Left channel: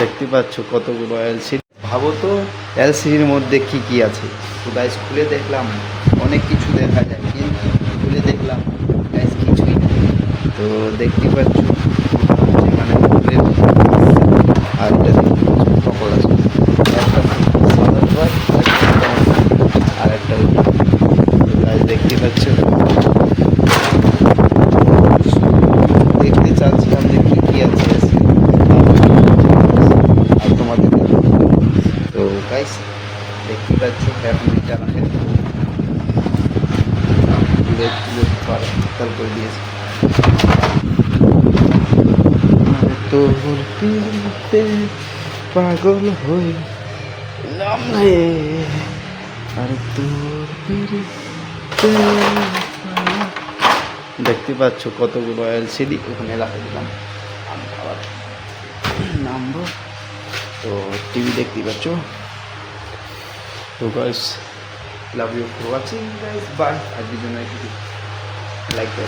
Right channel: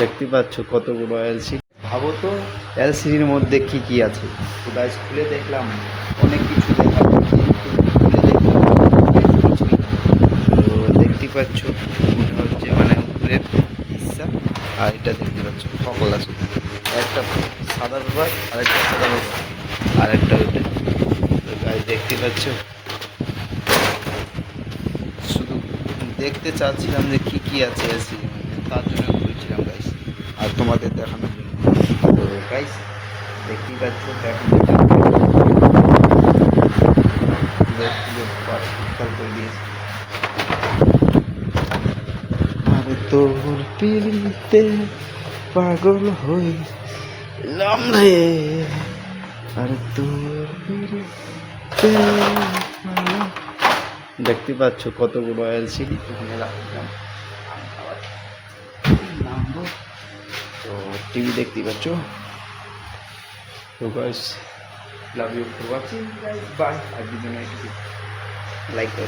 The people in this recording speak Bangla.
দেখতে পাচ্ছ কতগুলো এলসিডি। ভাবো তো এলসিডির মধ্যে কি কি আছে। তো গাইস খুলে দেখলাম অনেক কিছু দেখা যায়, কিন্তু খুলে দেখলাম গাইস কিছুই না। তো দেখতে পাচ্ছ মনে হচ্ছে মানে ফুলের আর এটা দেখতে পাচ্ছ সকল আছে। একটা সাদা রূপার আর একটা ওইটা। তো গাইস দেখতে পাচ্ছ, দেখতে চাচ্ছিলাম যে কী কী আছে আর তোমাদের দেখানোর জন্য। তো গাইস দেখতে পাচ্ছ এখন এটা করে দিয়েছে। আর তোর পিড়িতে পাগল হইলাম রে, আর তোর পিড়িতে। দেখতে পাচ্ছ কতগুলো এলসিডি এখানে রাখলাম। আমি আবার নামবো। তো টিভি দেখতে পাচ্ছ। তো guys love you for watching guys, bye. আজকের জন্য একটু লাইক করো।